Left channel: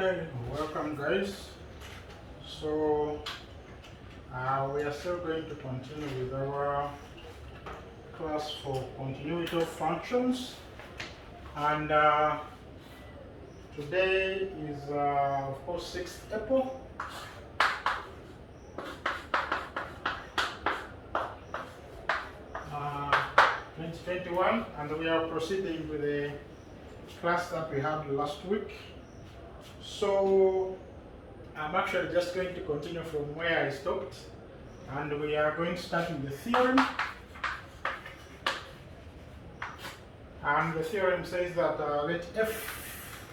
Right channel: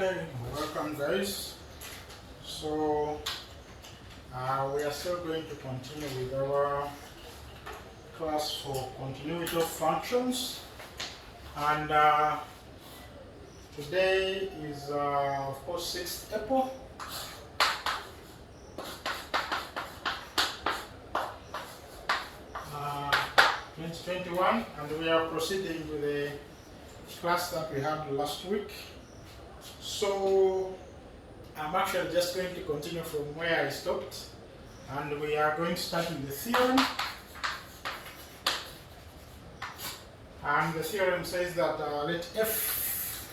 Okay, welcome guys. So we are still going to continue with our class for continuity of functions, and today is of course 6th April. 2021, and we are proceeding with the class that we had last week. So I'm actually just going to continue from where I stopped, and we are going to start with the theorem. And the theorem says that let f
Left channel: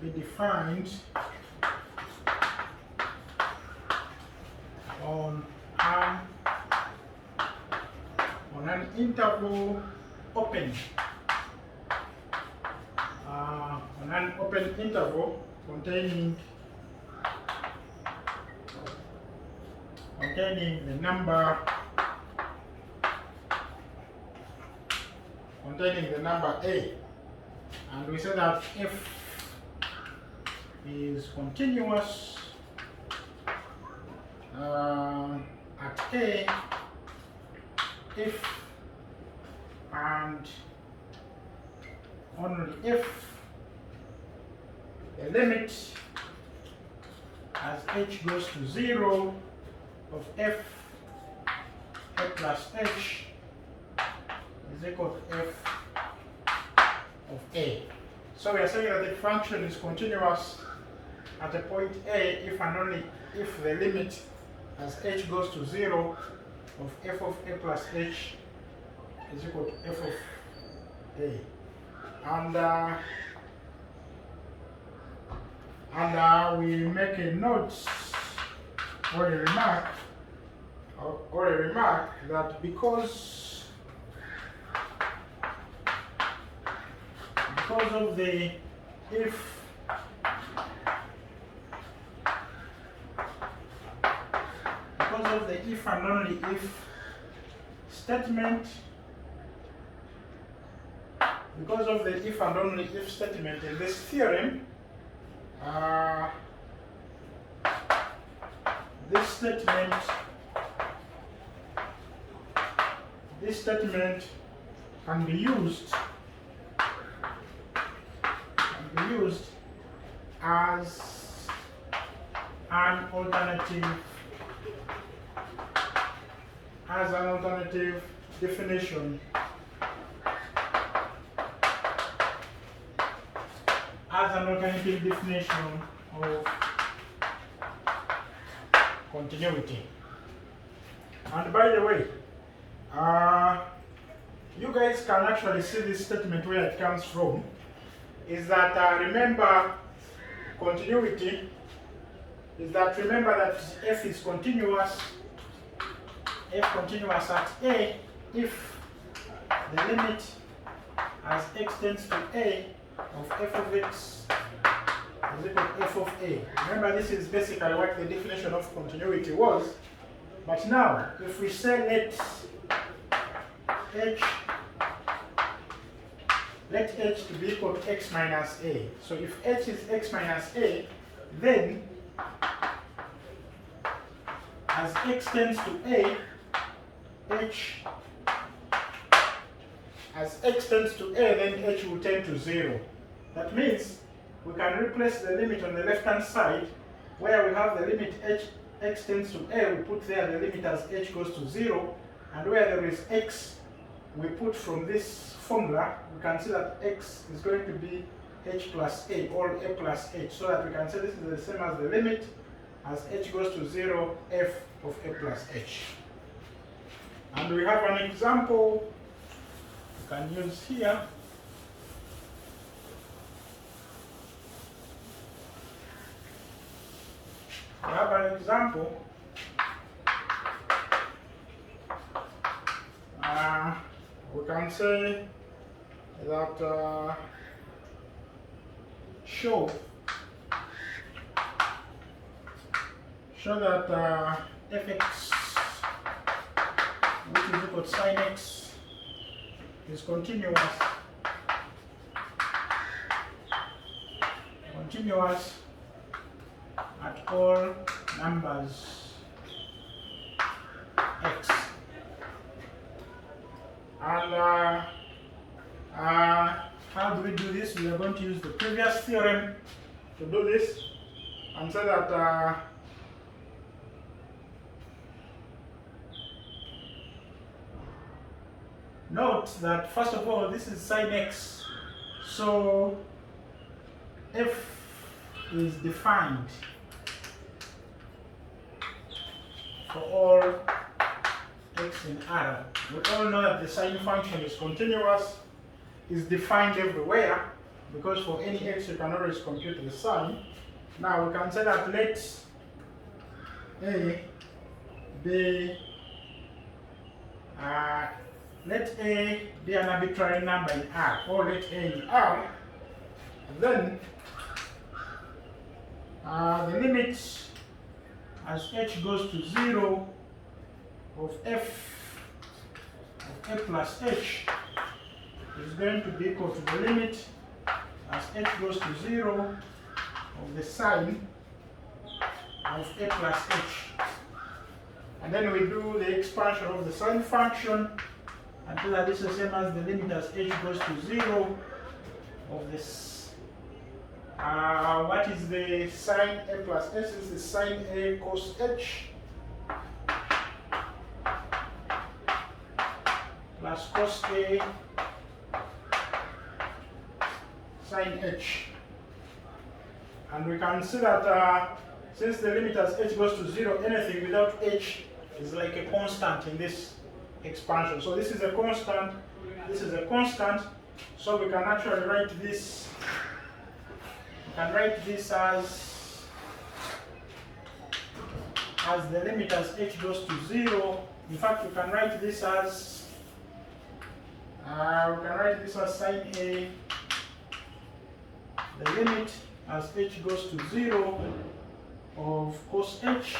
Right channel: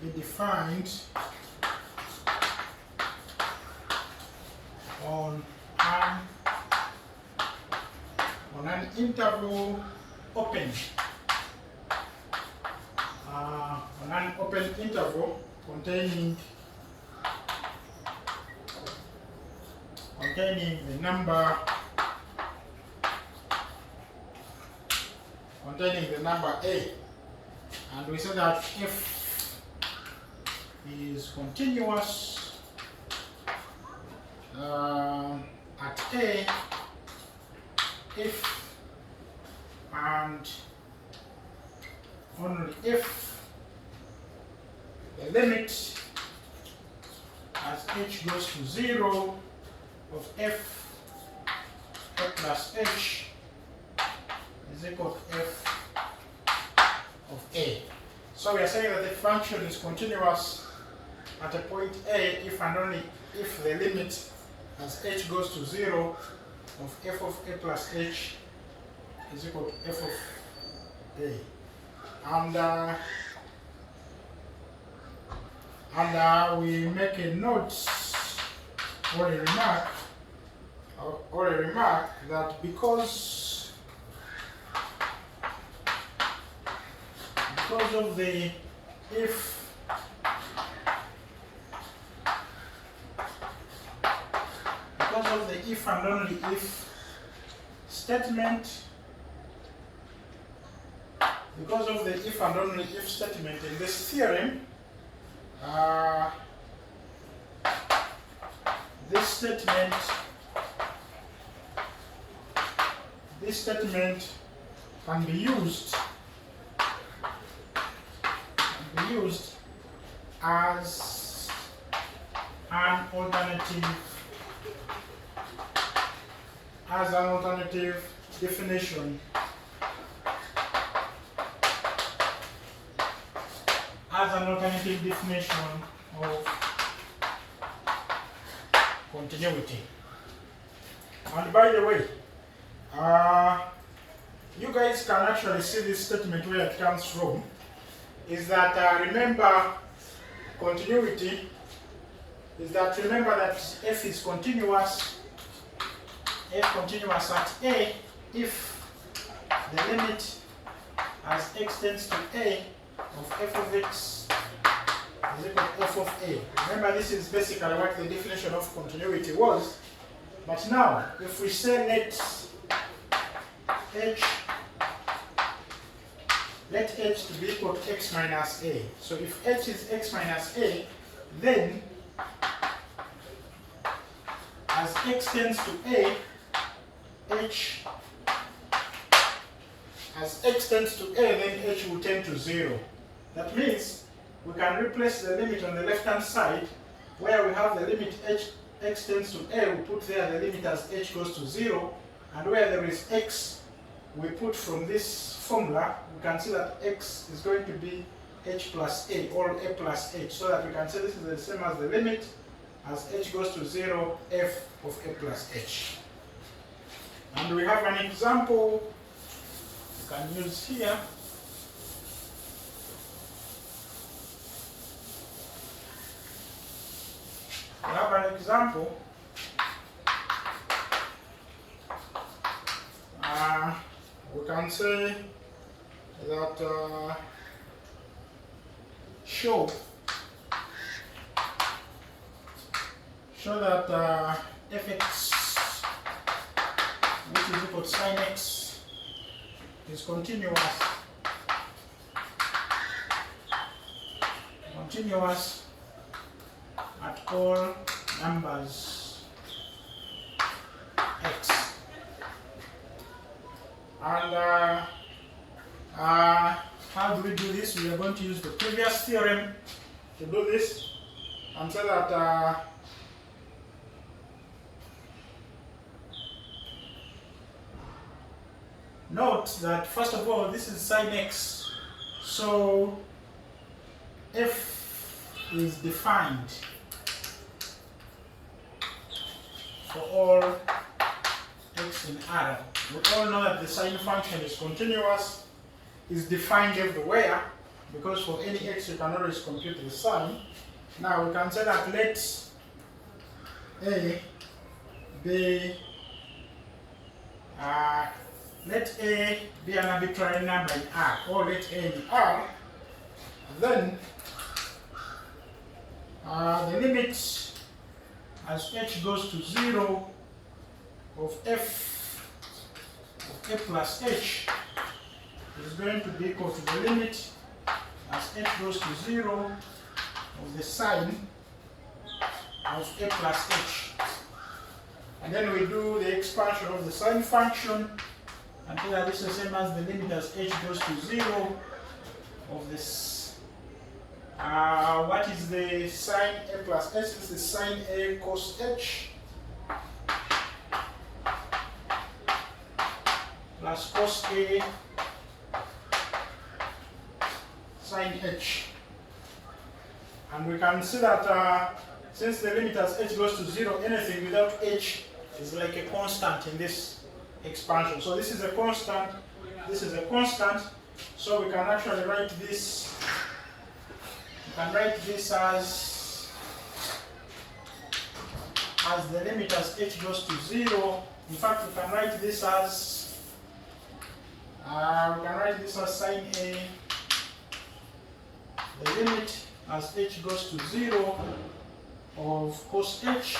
be defined on an interval open. On an open interval containing the number a, and we say that f is continuous at a if and only if the limit as h goes to 0 of f a plus h is equal to f of a. So we are saying that the function is continuous at a point a if and only if the limit as h goes to 0 of f of a plus h is equal to f of a. And we make a note or a remark that because of the if and only if statement, because of the if and only if statement in this theorem, this statement can be used as an alternative definition of continuity. And by the way, you guys can actually see this statement where it comes from. Is that remember continuity? Remember that f is continuous. F continuous at a if the limit as x tends to a of f of x is equal to f of a. Remember, this is basically what the definition of continuity was. But now, if we say let h to be equal to x minus a. So if h is x minus a, then as x tends to a, then h will tend to 0. That means we can replace the limit on the left-hand side, where we have the limit x tends to a, we put there the limit as h goes to 0, and where there is x, we put from this formula, we can see that x is going to be h plus a, or a plus h, so that we can say this is the same as the limit as h goes to 0, f of a plus h. And we have an example we can use here. We have an example. We can say that show that fx, which is equal to sin x, is continuous continuous at all numbers x. And how do we do this? We are going to use the previous theorem to do this, and say that note that first of all this is sine x, so f is defined for all x in R. We all know that the sine function is continuous, is defined everywhere, because for any x you can always compute the sine. Now we can say that let A be an arbitrary number in R, or let A in R, then the limit as h goes to 0 of f of a plus h is going to be equal to the limit as h goes to 0 of the sine of a plus h. And then we do the expansion of the sine function until that this is the same as the limit as h goes to 0 of this. What is the sine a plus h? This is sine a cos h plus cos a sine h. And we can see that since the limit as h goes to 0, anything without h is like a constant in this expansion. So this is a constant, this is a constant, so we can actually write this. We can write this as the limit as h goes to 0. In fact, we can write this as sine a, the limit as h goes to 0 of cos h,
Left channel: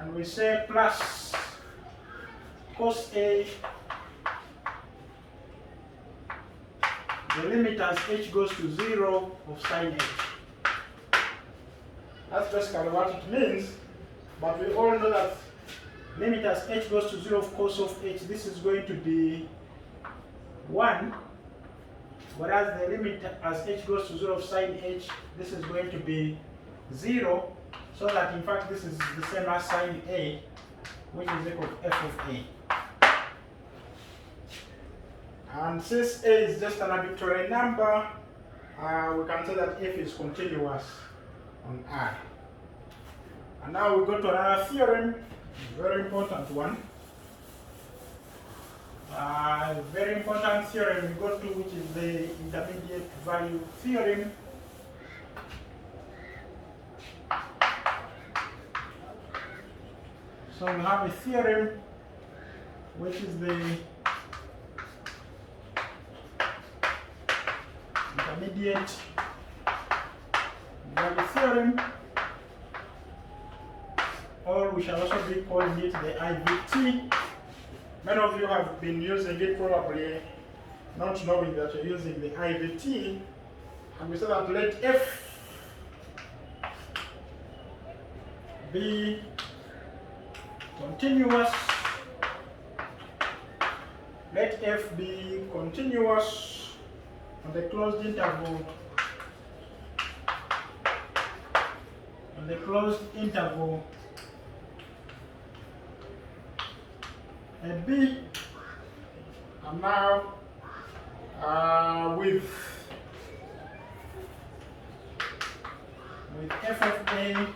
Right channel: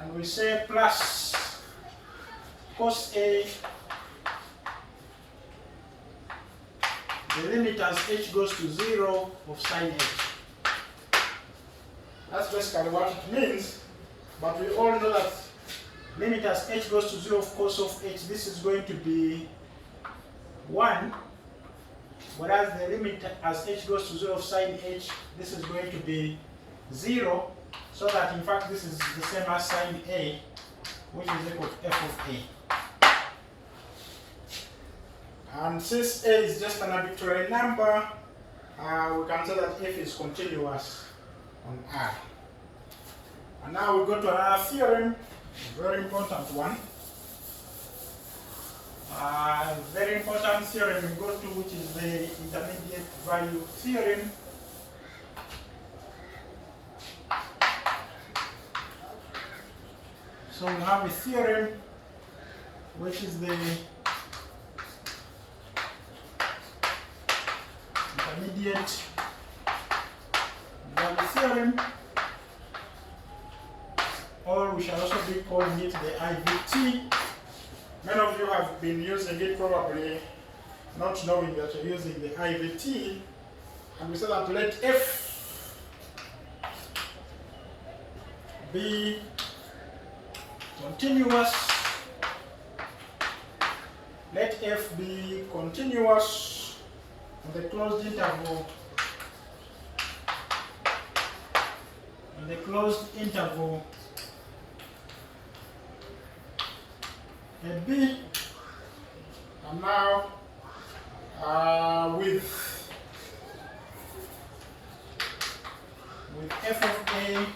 and we say plus cos a, the limit as h goes to 0 of sine h. That's basically what it means, but we all know that limit as h goes to 0 of cos of h, this is going to be 1, whereas the limit as h goes to 0 of sine h, this is going to be 0, so that in fact this is the same as sine a, which is equal to f of a. And since a is just an arbitrary number, we can say that f is continuous on R. And now we go to another theorem, a very important one. Very important theorem we go to, which is the intermediate value theorem. So we have a theorem which is the intermediate value theorem, or we shall also be calling it the IVT. Many of you have been using it, probably not knowing that you're using the IVT, and we say that let f be continuous, let f be continuous on the closed interval, AB, and now with f of a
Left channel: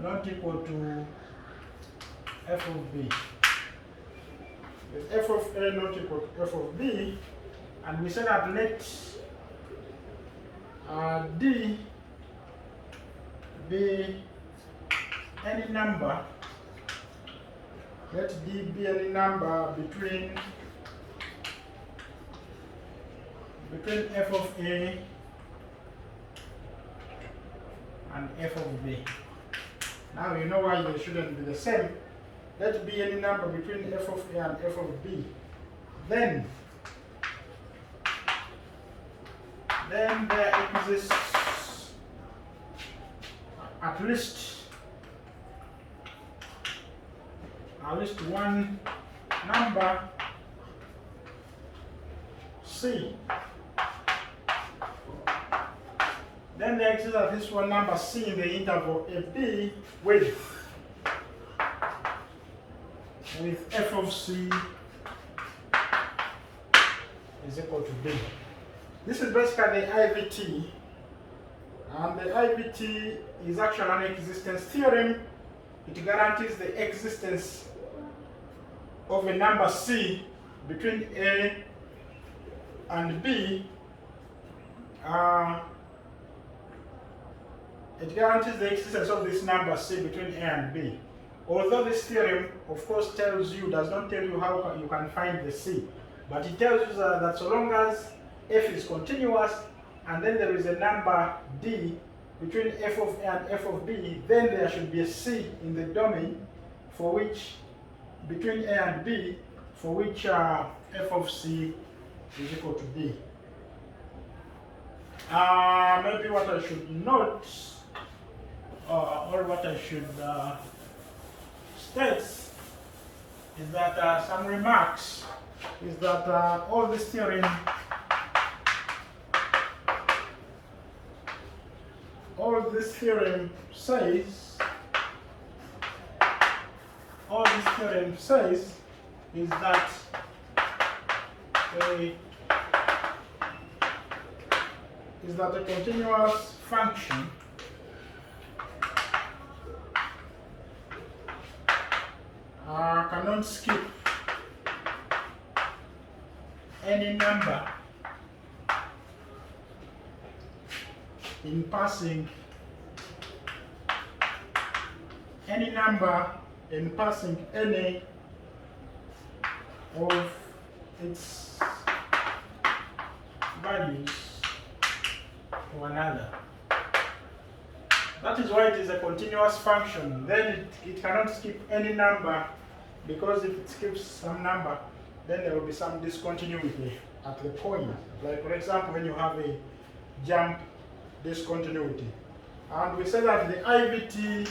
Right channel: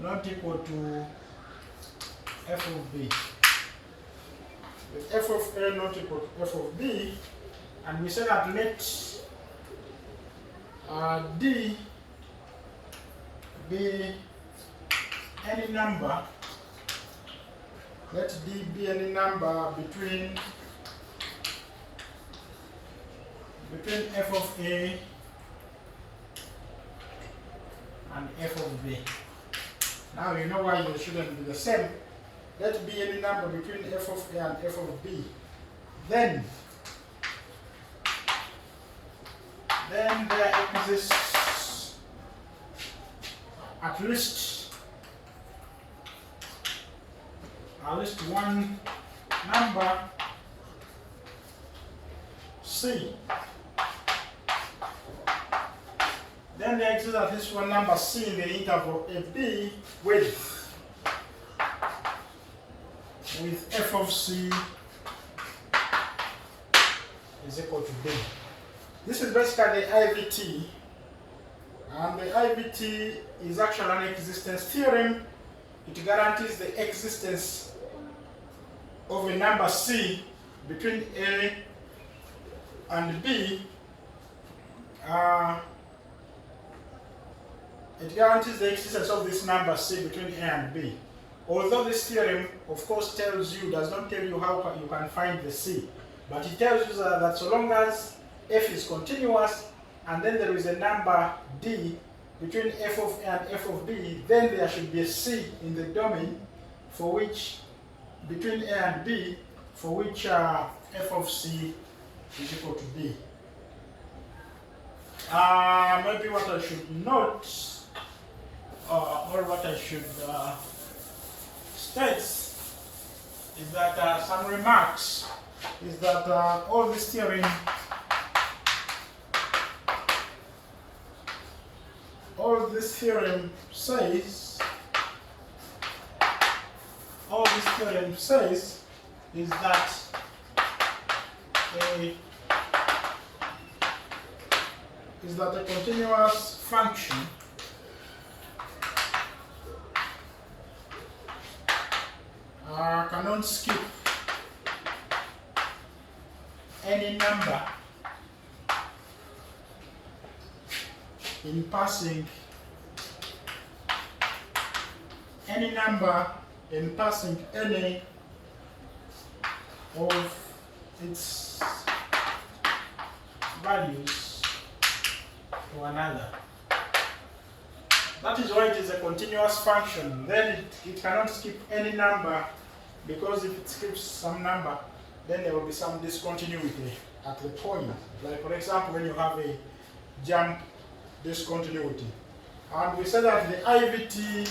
not equal to f of b, with f of a not equal to f of b, and we say that let d be any number, let d be any number between f of a and f of b. Now you know why they shouldn't be the same. Let be any number between f of a and f of b. Then then there exists at least one number C. Then there exists at least one number C in the interval AB with f of C is equal to B. This is basically the IVT, and the IVT is actually an existence theorem. It guarantees the existence of a number C between A and B. It guarantees the existence of this number C between A and B. Although this theorem, of course, does not tell you how you can find the C, but it tells you that so long as f is continuous and then there is a number D between f of A and f of B, then there should be a C in the domain for which, between A and B, for which f of C is equal to B. Maybe what I should note, or what I should state, is that some remarks is that all this theorem says is that a continuous function cannot skip any number in passing any of its values to another. That is why it is a continuous function. Then it cannot skip any number, because if it skips some number, then there will be some discontinuity at the point. Like, for example, when you have a jump discontinuity. And we said that the IVT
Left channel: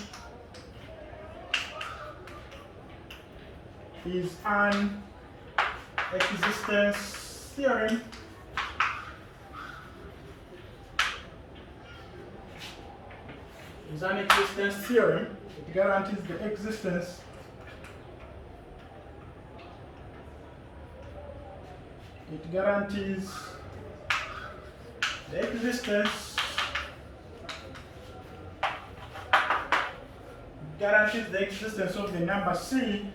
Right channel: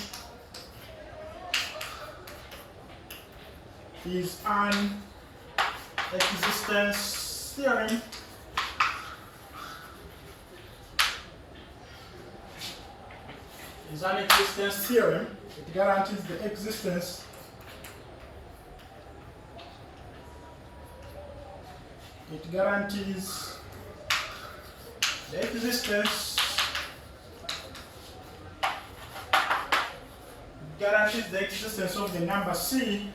is an existence theorem. It guarantees the existence of the number C,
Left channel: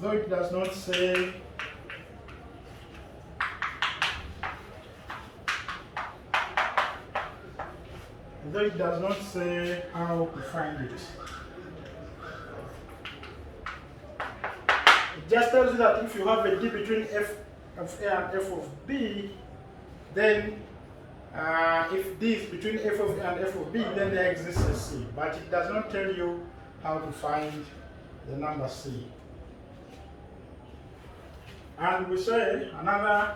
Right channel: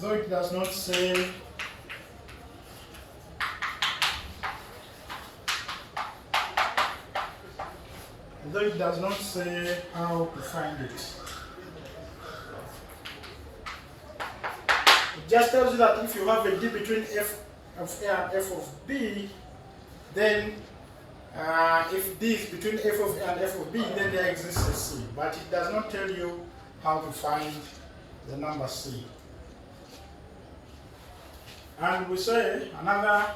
though it does not say how to find it. It just tells you that if you have a D between f of A and f of B, then if D is between f of A and f of B, then there exists a C. But it does not tell you how to find the number C. And we say another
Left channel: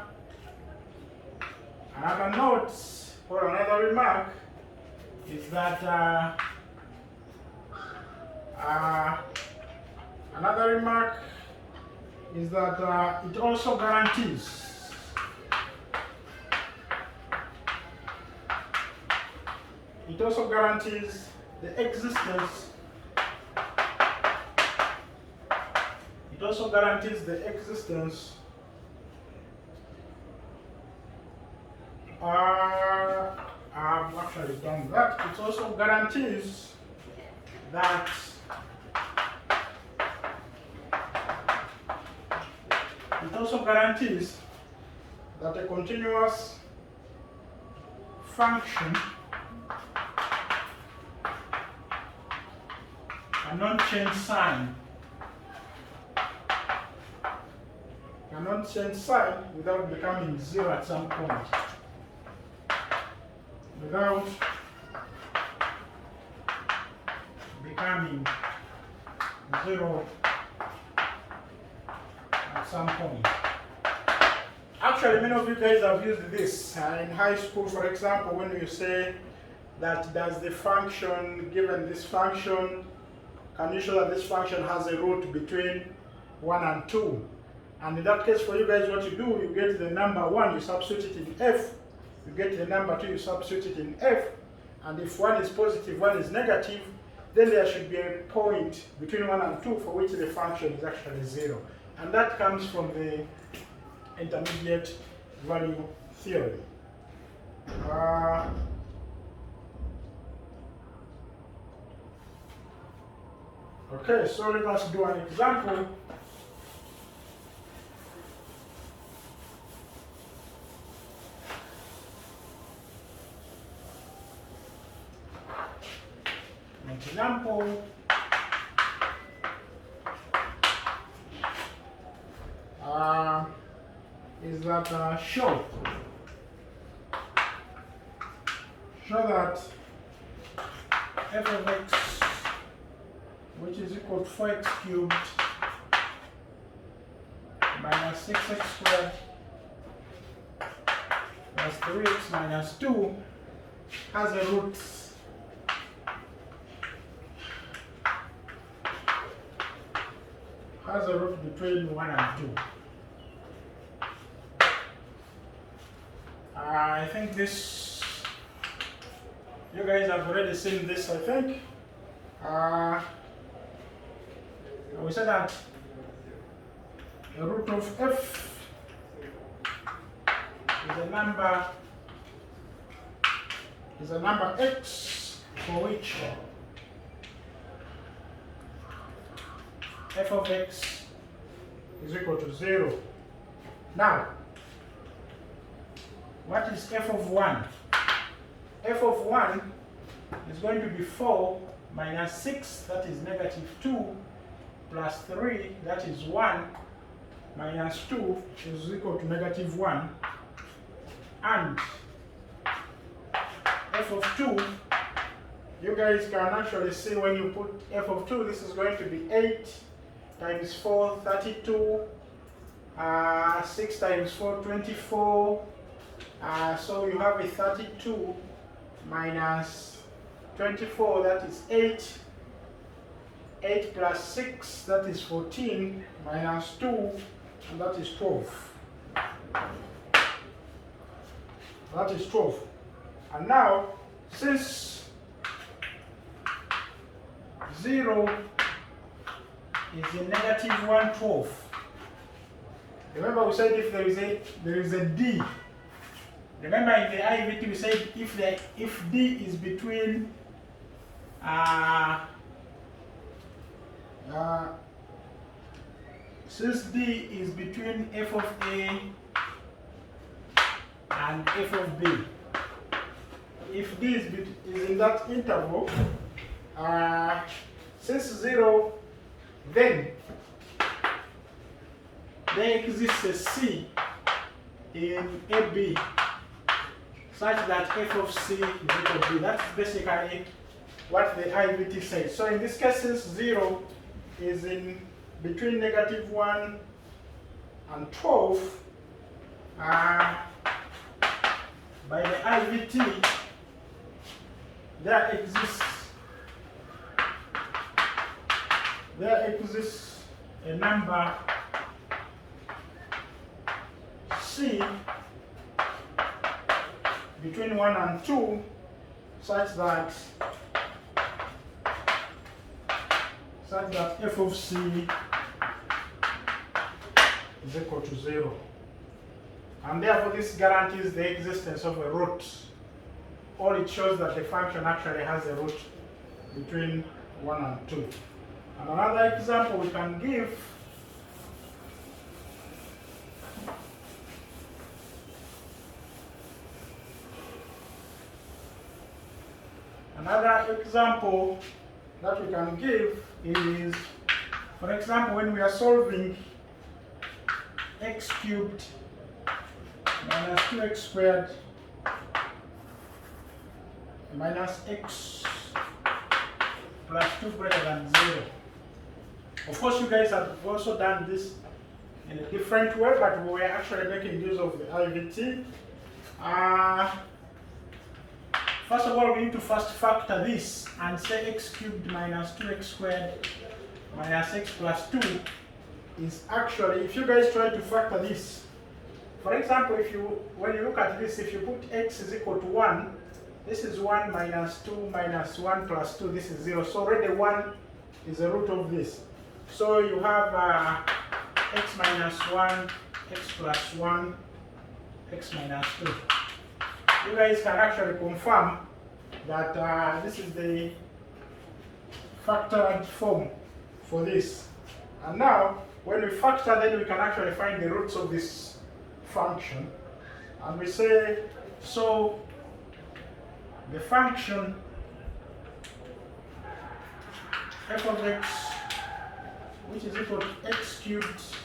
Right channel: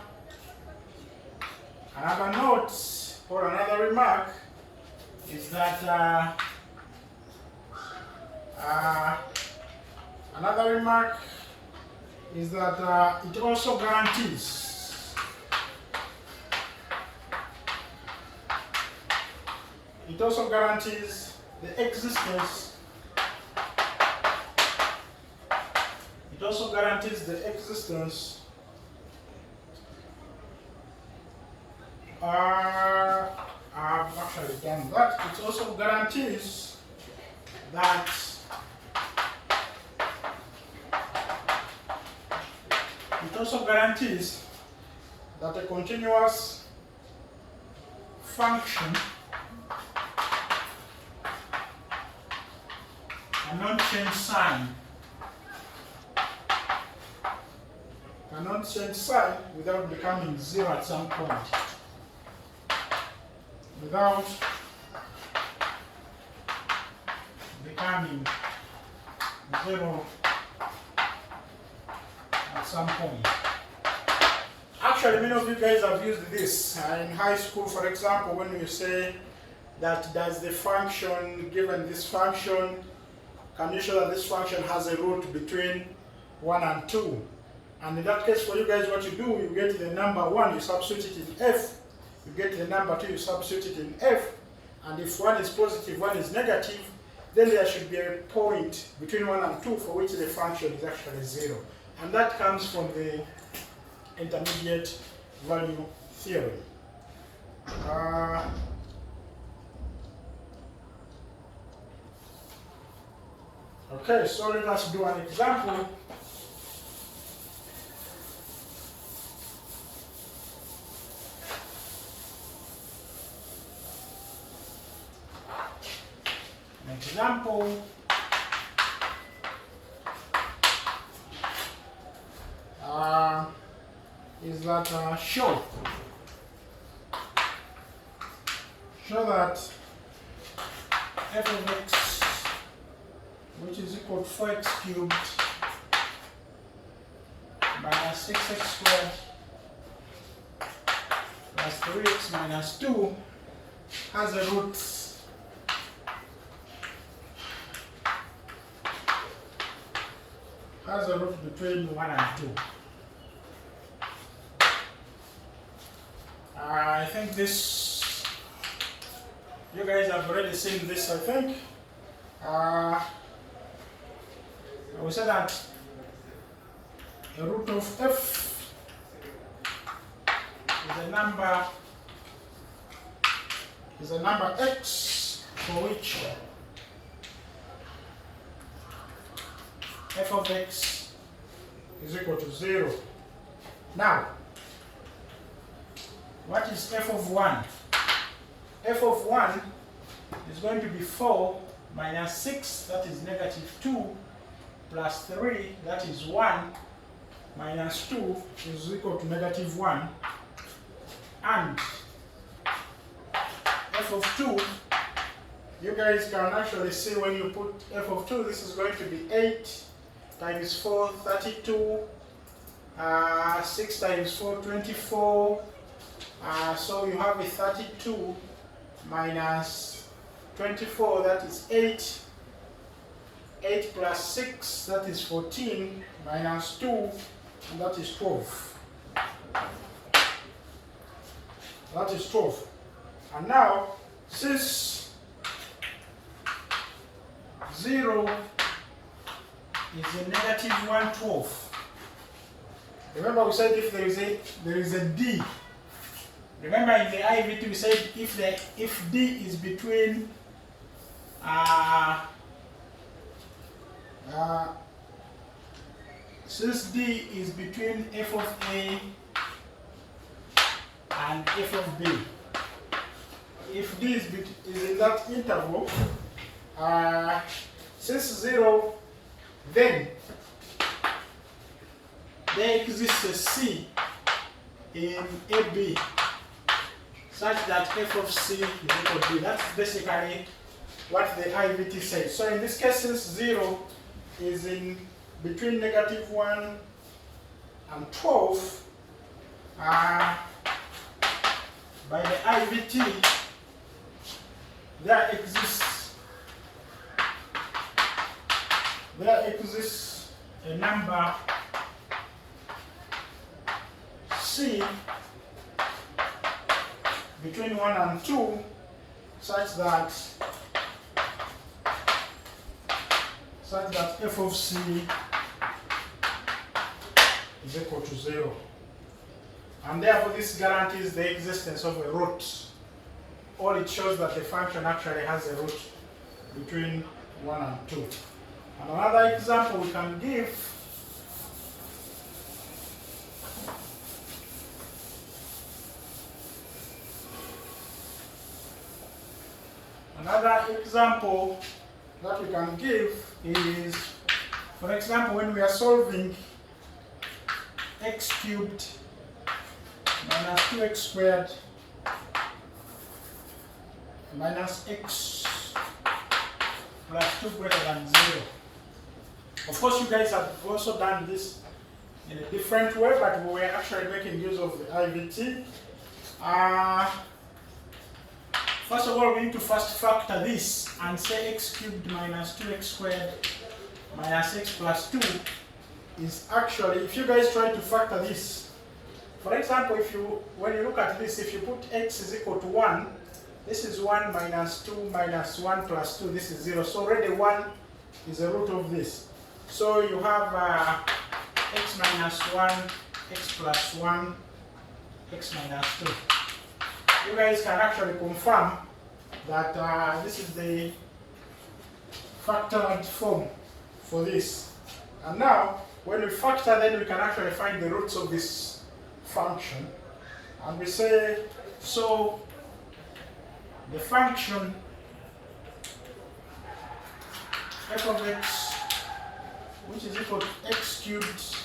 note or another remark is that it also guarantees the existence I've actually done that. It also guarantees that a continuous function cannot change sign without becoming zero at some point. Without becoming zero at some point. Actually, many of you guys have used this in high school, for example, when you say that does the function, given this function, can you show that this function has a root between 1 and 2? And in that case, for you guys, what you do, you get the number 1, you substitute it in f. You get the number 2, you substitute it in f. And if 1 is positive, 1 is negative, then there should be a point between 1 and 2 for which the function is actually 0. And that comes from the intermediate value theorem. Okay, so let us do an example. An example is that show that f of x, which is equal to 4x cubed minus 6x squared plus 3x minus 2 has a root between 1 and 2. I think this, you guys have already seen this, I think. We said that the root of f is a number x for which f of x is equal to 0. Now, what is f of 1? F of 1 is going to be 4 minus 6, that is negative 2, plus 3, that is 1, minus 2 is equal to negative 1, and f of 2, you guys can actually see when you put f of 2, this is going to be 8 times 4, 32, 6 times 4, 24, so you have a 32 minus 24, that is 8. 8 plus 6, that is 14, minus 2, and that is 12. That is 12. And now, since 0 is a negative 1/12, remember we said if there is a d. Remember in the IVT we said if d is between since d is between f of a and f of b, if d is in that interval, since 0, then there exists a c in AB such that f of c is equal to b. That's basically what the IVT says. So in this case, since 0 is in between negative 1 and 12, by the IVT, there exists a number c between 1 and 2 such that f of c is equal to 0. And therefore this guarantees the existence of a root, or it shows that the function actually has a root between 1 and 2. And another example we can give is, for example, when we are solving x cubed minus 2x squared minus x plus 2 greater than 0. Of course, you guys have also done this in a different way, but we were actually making use of the IVT. First of all, we need to first factor this and say x cubed minus 2x squared minus x plus 2 is actually, if you guys try to factor this, for example, when you look at this, if you put x is equal to 1, this is 1 minus 2 minus 1 plus 2, this is 0. So already 1 is the root of this. So you have x minus 1, x plus 1, x minus 2. You guys can actually confirm that this is the factored form for this. And now, when we factor, then we can actually find the roots of this function. And we say, so the function f of x, which is equal to x cubed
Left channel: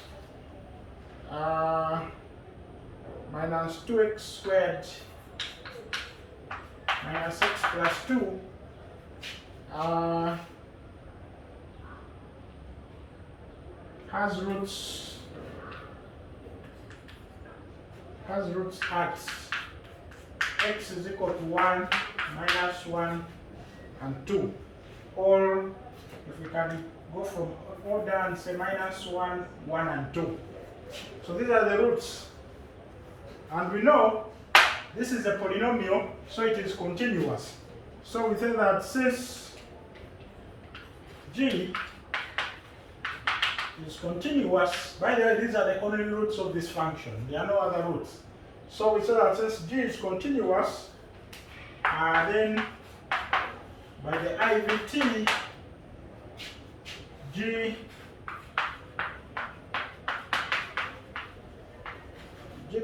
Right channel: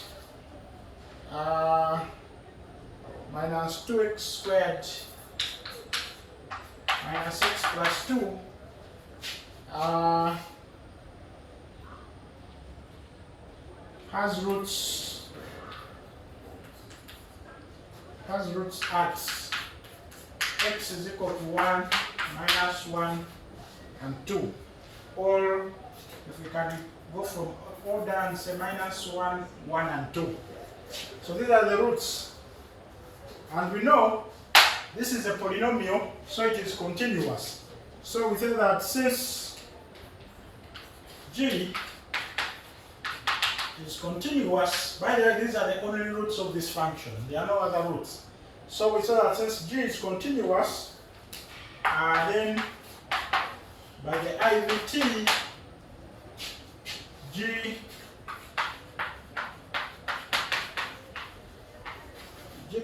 minus 2x squared minus x plus 2 has roots at x is equal to 1, minus 1, and 2. Or if we can go from order and say minus 1, 1, and 2. So these are the roots. And we know this is a polynomial, so it is continuous. So we say that since g is continuous, by the way, these are the only roots of this function. There are no other roots. So we say that since g is continuous, then by the IVT, g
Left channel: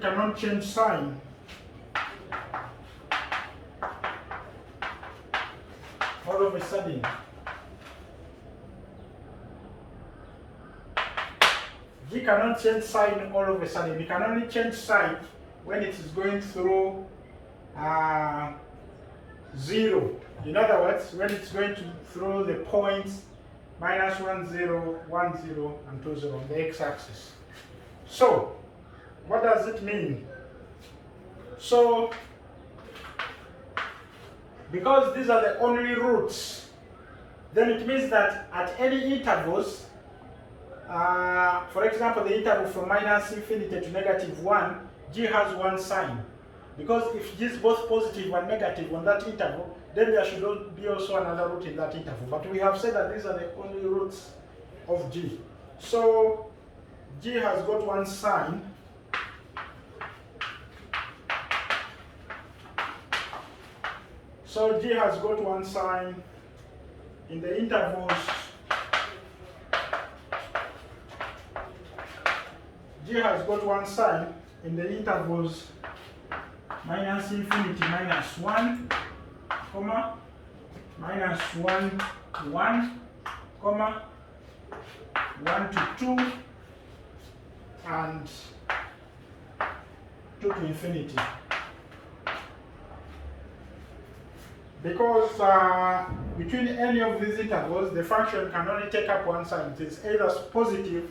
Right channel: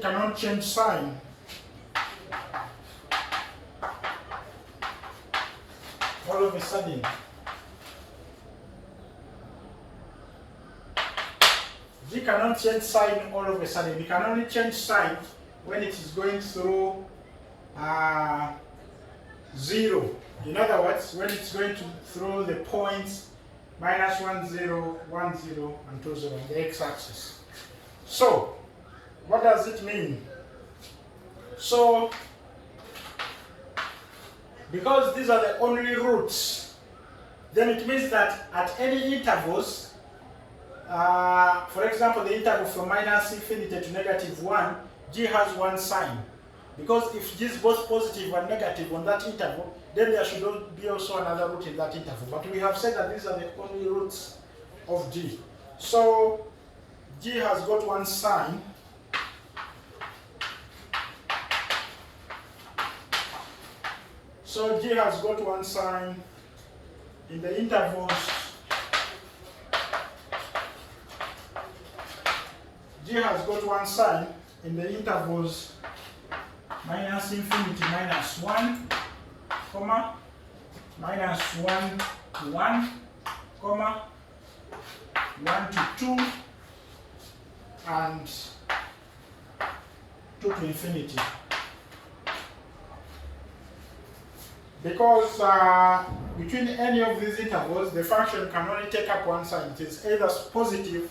cannot change sign. All of a sudden. G cannot change sign all of a sudden. We can only change sign when it is going through 0. In other words, when it's going through the points minus 1, 0, 1, 0, and 2, 0 on the x-axis. So, what does it mean? So, because these are the only roots, then it means that at any intervals, for example, the interval from minus infinity to negative 1, g has one sign. Because if g is both positive and negative on that interval, then there should be also another root in that interval. But we have said that these are the only roots of g. So g has got one sign. So g has got one sign in the intervals. G has got one sign in the intervals minus infinity minus 1, comma, minus 1 to 1, comma, 1 to 2, and 2 to infinity. Because between any of these intervals, the function can only take up one sign. It is either positive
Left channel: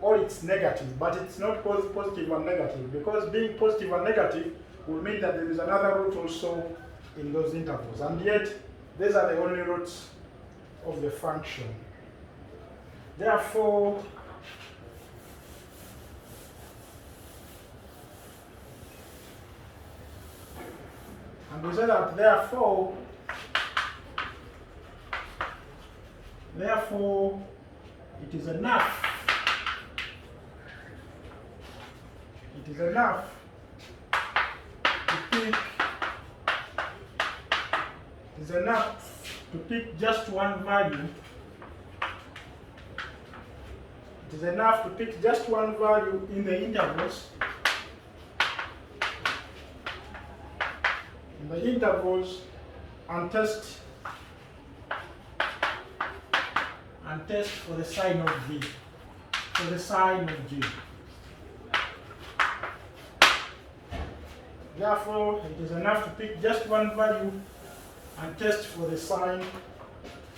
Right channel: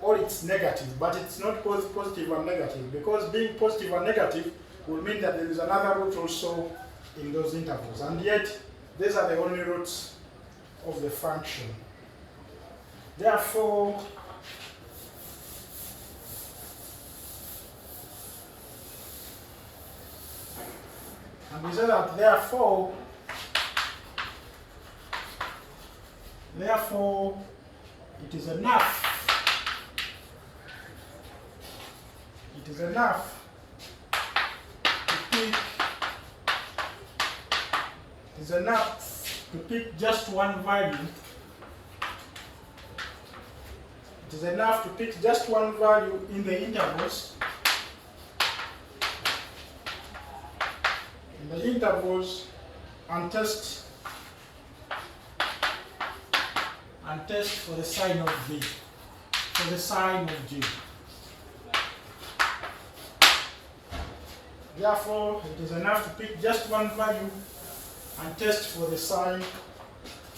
or it's negative, but it's not both positive and negative, because being positive and negative will mean that there is another root also in those intervals, and yet these are the only roots of the function. Therefore, and we say that therefore it is enough. It is enough to pick just one value. It is enough to pick just one value in the intervals. And test for the sign of g. For the sign of g. Therefore, it is enough to pick just one value and test for the sign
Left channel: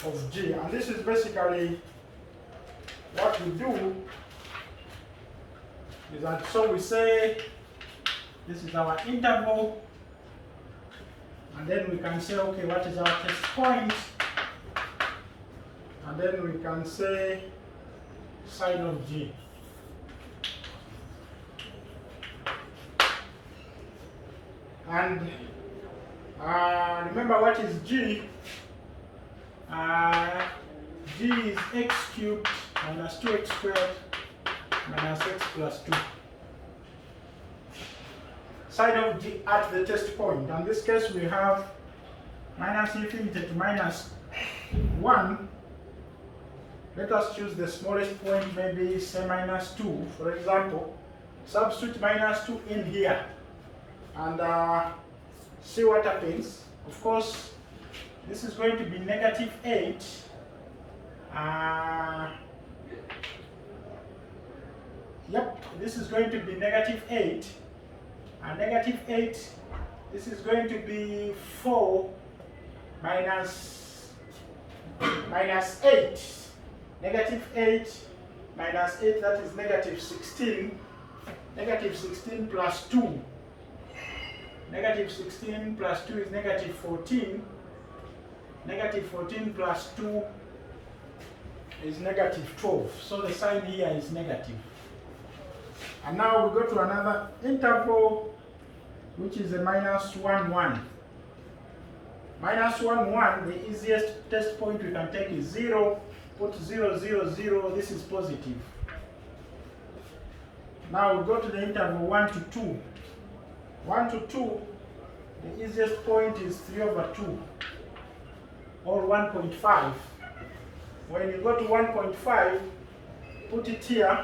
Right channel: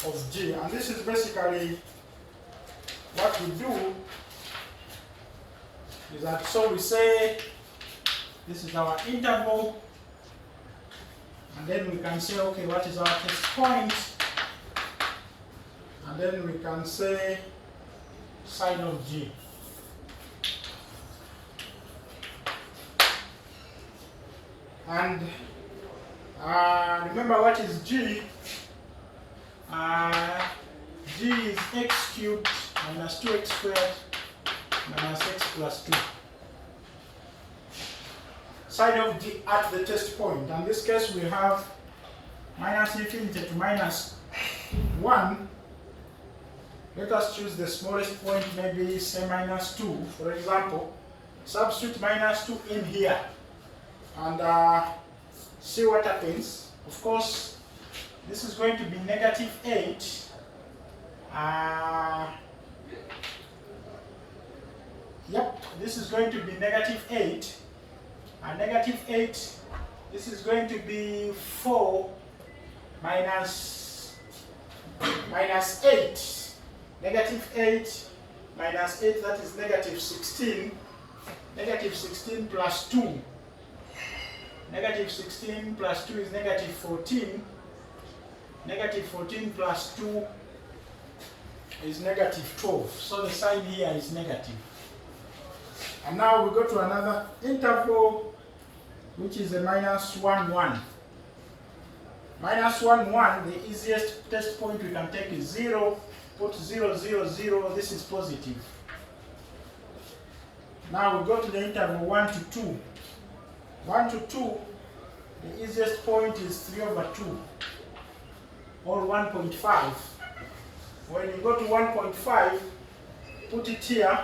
of g. And this is basically what we do is that, so we say this is our interval, and then we can say, okay, what is our test point? And then we can say sine of g. And remember, what is g? G is x cubed minus 2x squared minus x plus 2. Sine of g at the test point. In this case, we have minus infinity to minus 1. Let us choose the smallest point, maybe say minus 2, for example. Substitute minus 2 in here and see what happens. Of course, this is going to be negative 8. Yep, this is going to be negative 8. Negative 8, this is going to be 4 minus 8. Negative 8 minus 8, that is negative 16. Negative 16 plus 2. Negative 16 plus 2 is negative 14. Negative 14 plus 2 is negative 12. So the sign here is negative. And now we go to another interval, which is a minus 1, 1. Minus 1, 1, the easiest test point we can take is 0. Put 0, 0, 0, this is positive. Now we go to the interval 1 to 2. 1 to 2, the easiest point is 3 over 2, or 1.5. When you go to 1.5, put it here.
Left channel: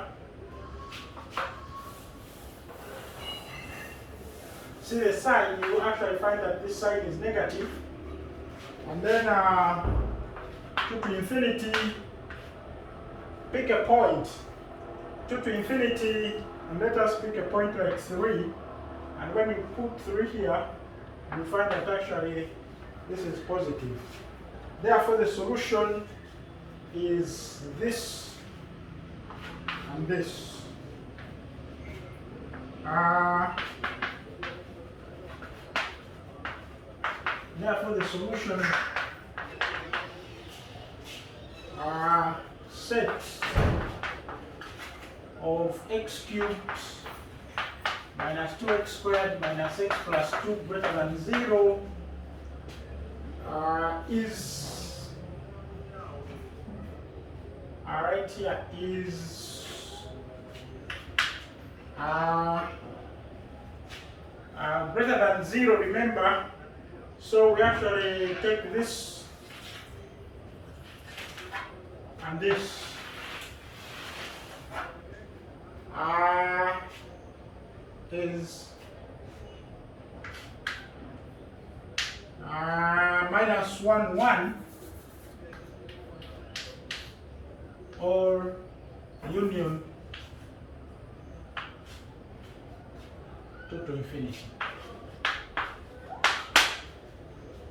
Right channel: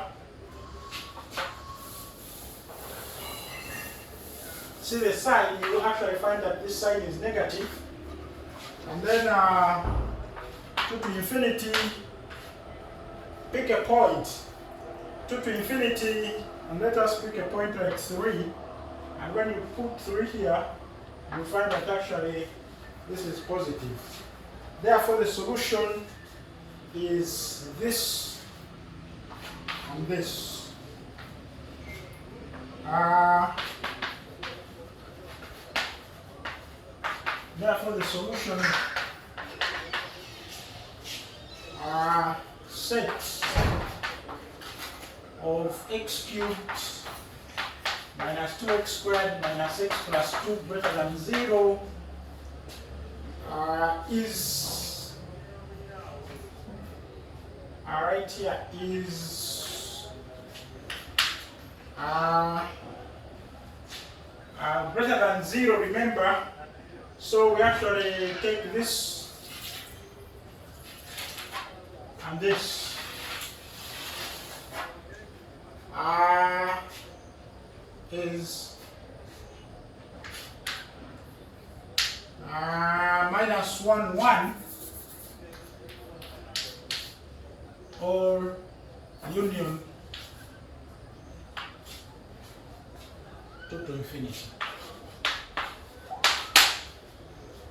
See the sign, you will actually find that this sign is negative. And then 2 to infinity, pick a point. 2 to infinity, and let us pick a point like 3. And when you put 3 here, you find that actually this is positive. Therefore, the solution is this and this. Therefore, the solution set of x cubed minus 2x squared minus x plus 2 greater than 0 is right here is greater than 0, remember. So we actually take this and this. Is minus 1, 1, or union 2 to infinity.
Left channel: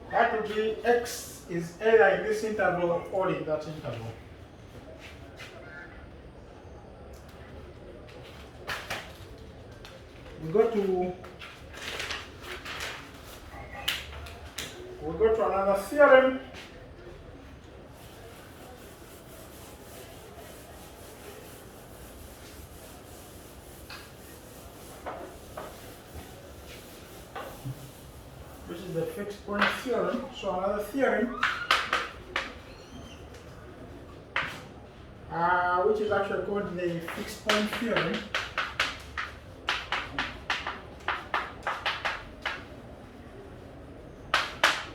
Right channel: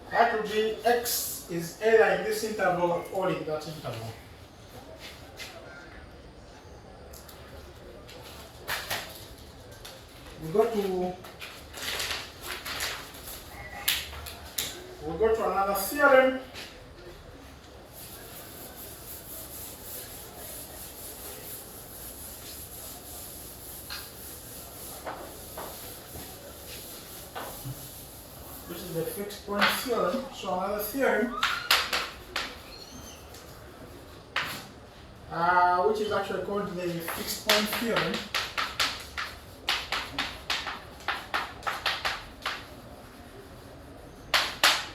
That would be x is either in this interval or in that interval. We go to another theorem. Which is the fixed point theorem. So another theorem which is actually called the fixed point theorem.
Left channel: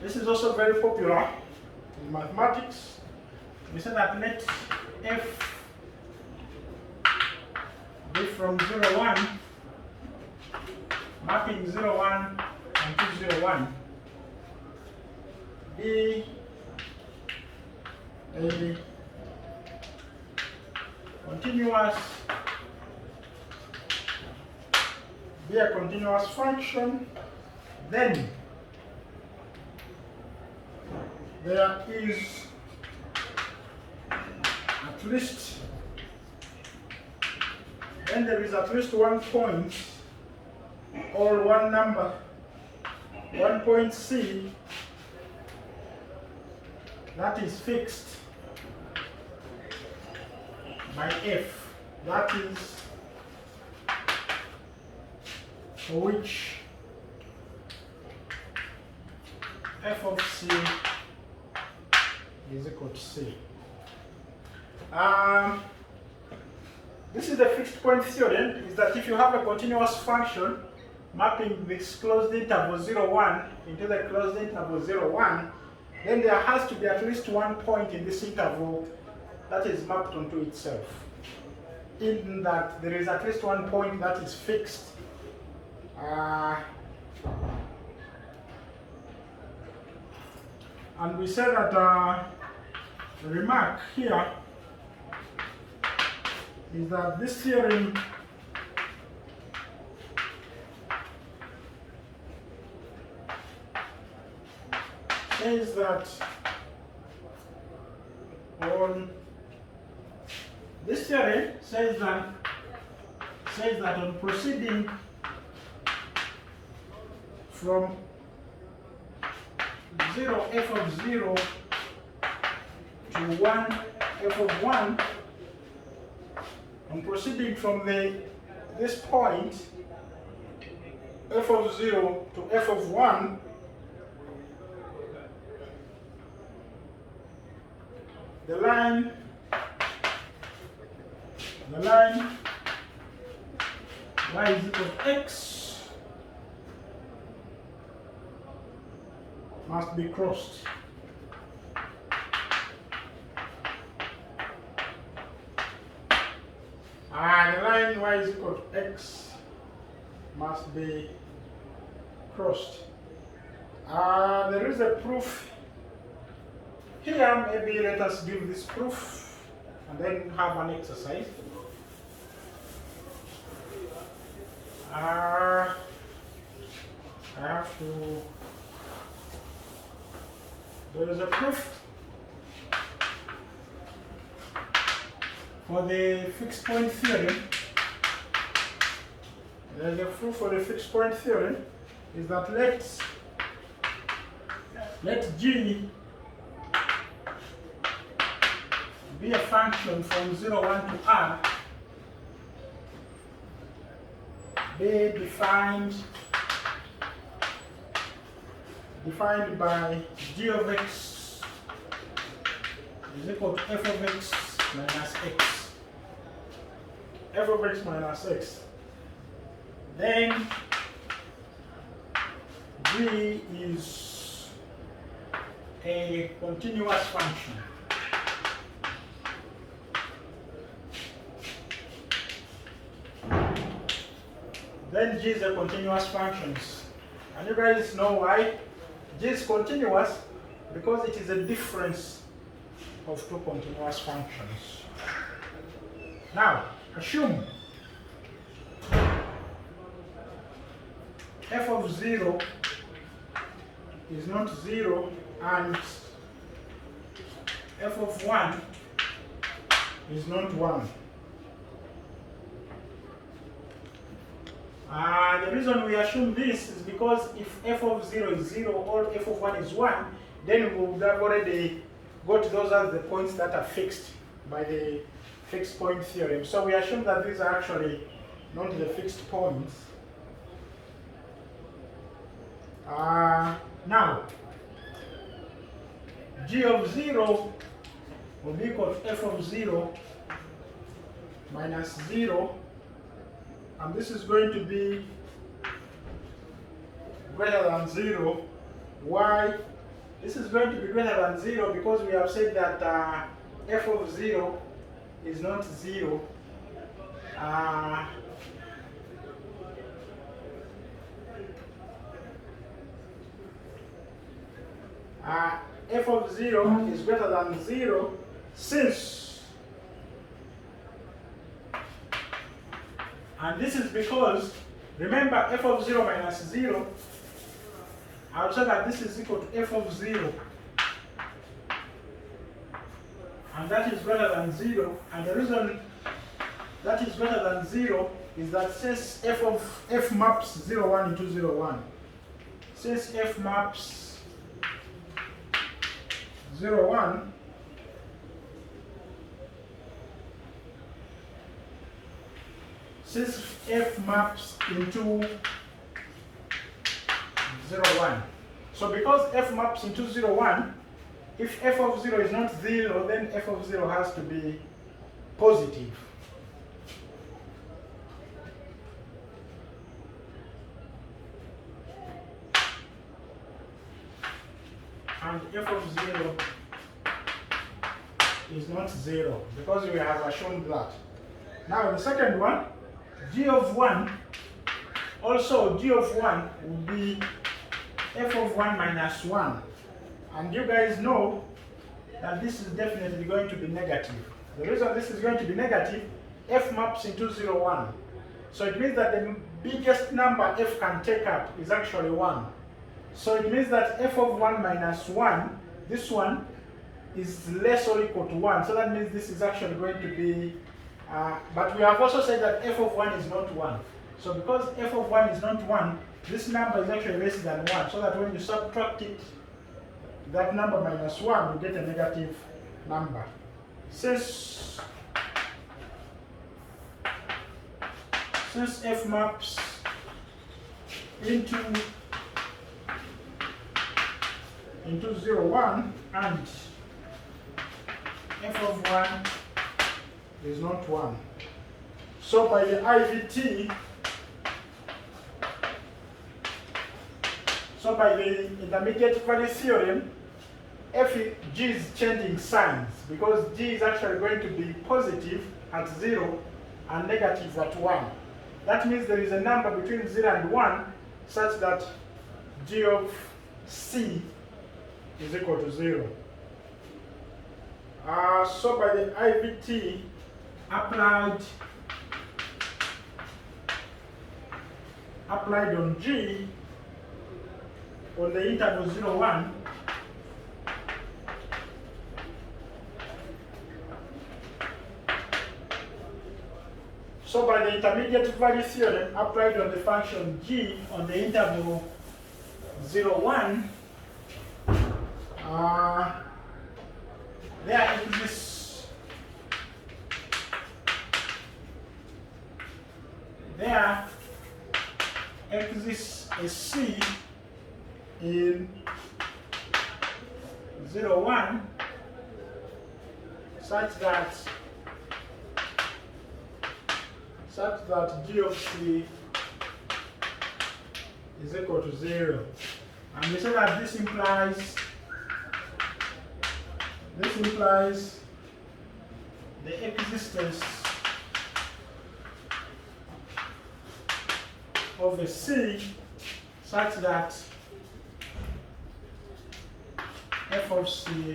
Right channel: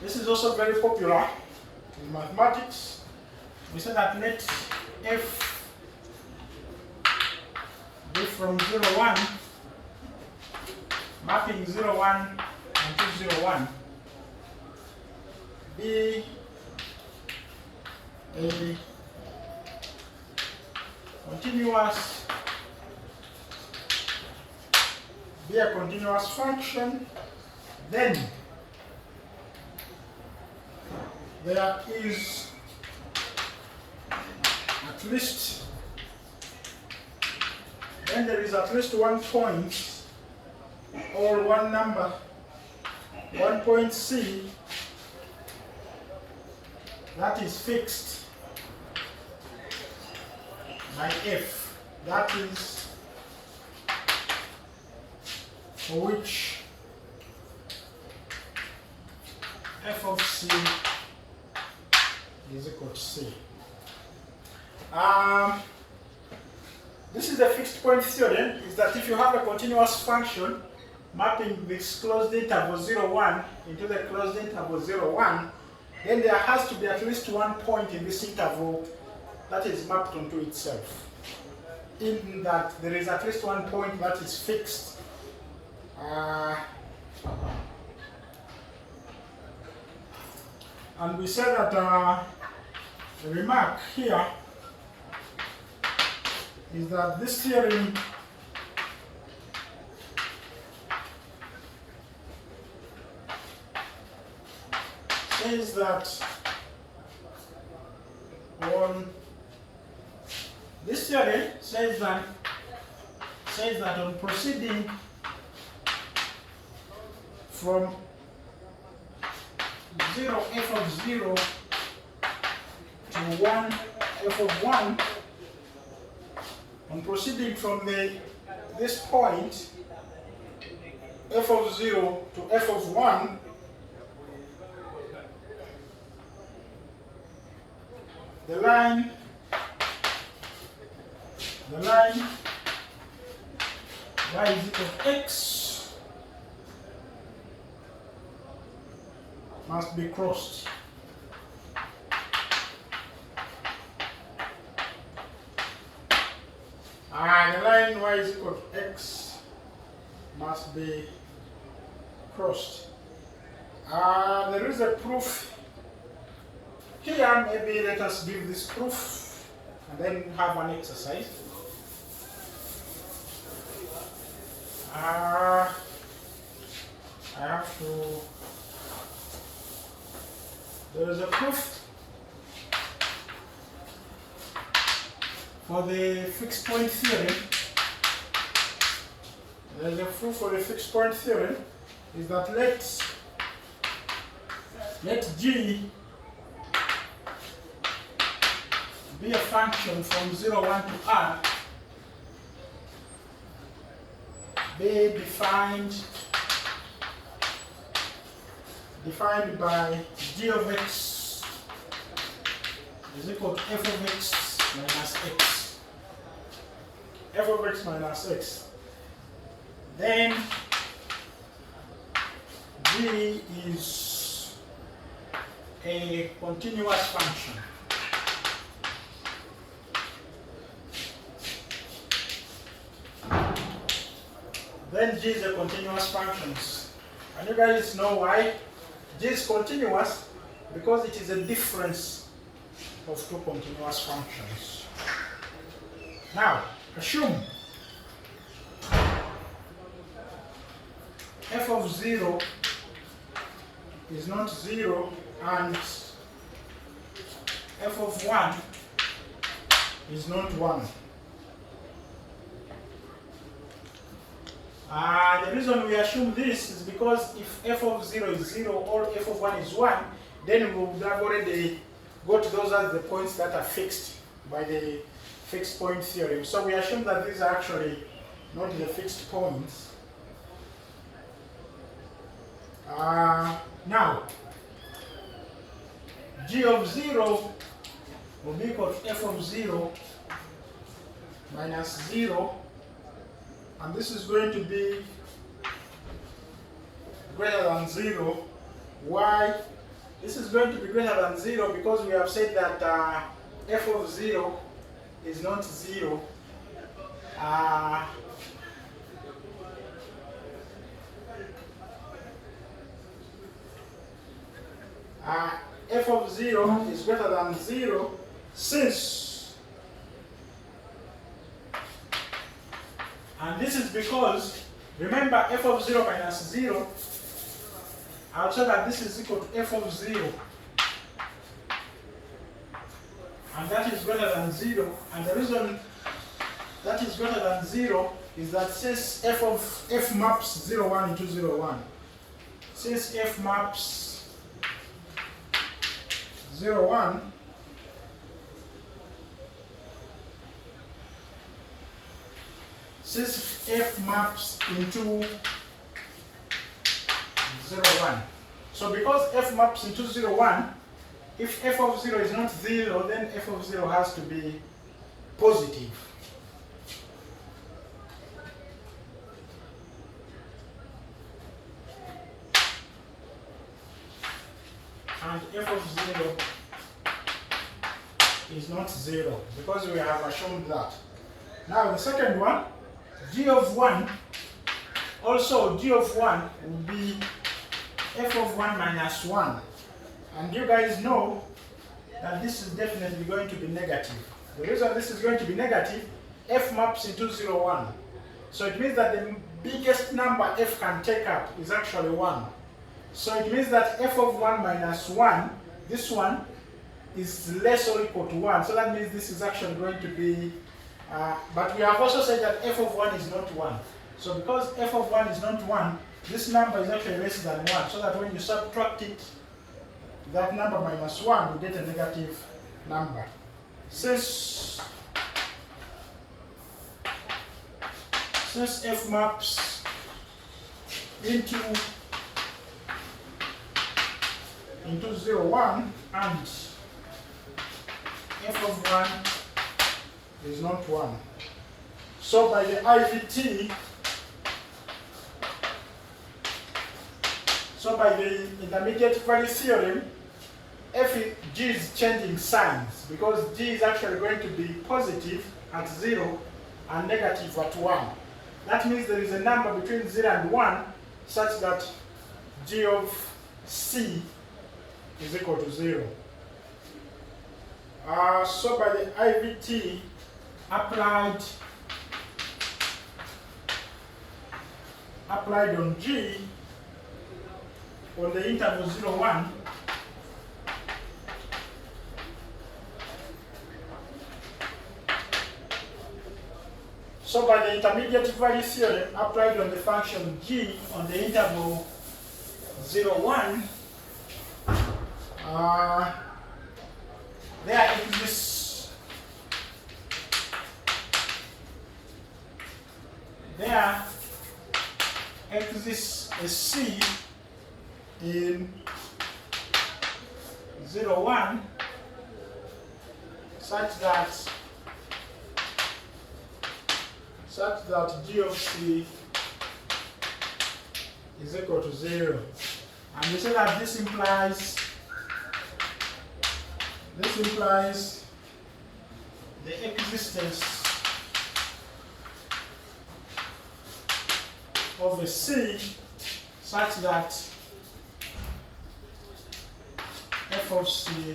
This is also very popular in mathematics. We say that let f be from 0, 1, mapping 0, 1 and 2, 0, 1 be a continuous function, then there is at least then there is at least one point or one number, one point C, that is fixed by F. That is for which f of C is equal to C. This is the fixed point theorem, is that if you have a continuous function mapping this closed interval 0, 1 into the closed interval 0, 1, then there has to be at least one point in this interval that is mapped onto itself. In that there is at least one point that is fixed. And we say that the remark here is that this theorem says that on proceeding from 0 f of 0 to 1 f of 1, on proceeding from this point f of 0 to f of 1, the line y is equal to x must be crossed. The line y is equal to x must be crossed. There is a proof here. Maybe let us give this proof and then have an exercise. I have to. There is a proof for the fixed point theorem. There is a proof for the fixed point theorem is that let G be a function from 0, 1 to R, be defined by G of x is equal to f of x minus x. F of x minus x. Then G is a continuous function. Then G is a continuous function. And you guys know why? G is continuous because it is a difference of two continuous functions. Now, assume f of 0 is not 0 and f of 1 is not 1. The reason we assume this is because if f of 0 is 0 or f of 1 is 1, then we would have already got those as the points that are fixed by the fixed point theorem. So we assume that these are actually not the fixed points. Now, G of 0 will be equal to f of 0 minus 0. And this is going to be greater than 0. Why? This is going to be greater than 0 because we have said that f of 0 is not 0. F of 0 is greater than 0 since, and this is because, remember, f of 0 minus 0, I'll say that this is equal to f of 0, and that is greater than 0, and the reason that is greater than 0 is that since f maps 0, 1 into 0, 1, since f maps 0, 1, since f maps into 0, 1. So because f maps into 0, 1, if f of 0 is not 0, then f of 0 has to be positive. And f of 0 is not 0, because we have assumed that. Now the second one, g of 1, also g of 1 will be f of 1 minus 1. And you guys know that this is definitely going to be negative. The reason this is going to be negative, f maps into 0, 1. So it means that the biggest number f can take up is actually 1. So it means that f of 1 minus 1, this one, is less or equal to 1. So that means this is actually going to be, but we have also said that f of 1 is not 1. So because f of 1 is not 1, this number is actually less than 1. So that when you subtract it, that number minus 1, you get a negative number. Since f maps into 0, 1 and f of 1 is not 1. So by the IVT, so by the intermediate value theorem, g is changing signs because g is actually going to be positive at 0 and negative at 1. That means there is a number between 0 and 1 such that g of c is equal to 0. So by the IVT applied on g on the interval 0, 1, so by the intermediate value theorem applied on the function g on the interval 0, 1, there exists a c in 0, 1 such that g of c is equal to 0. And we say that this implies the existence of a c such that f of c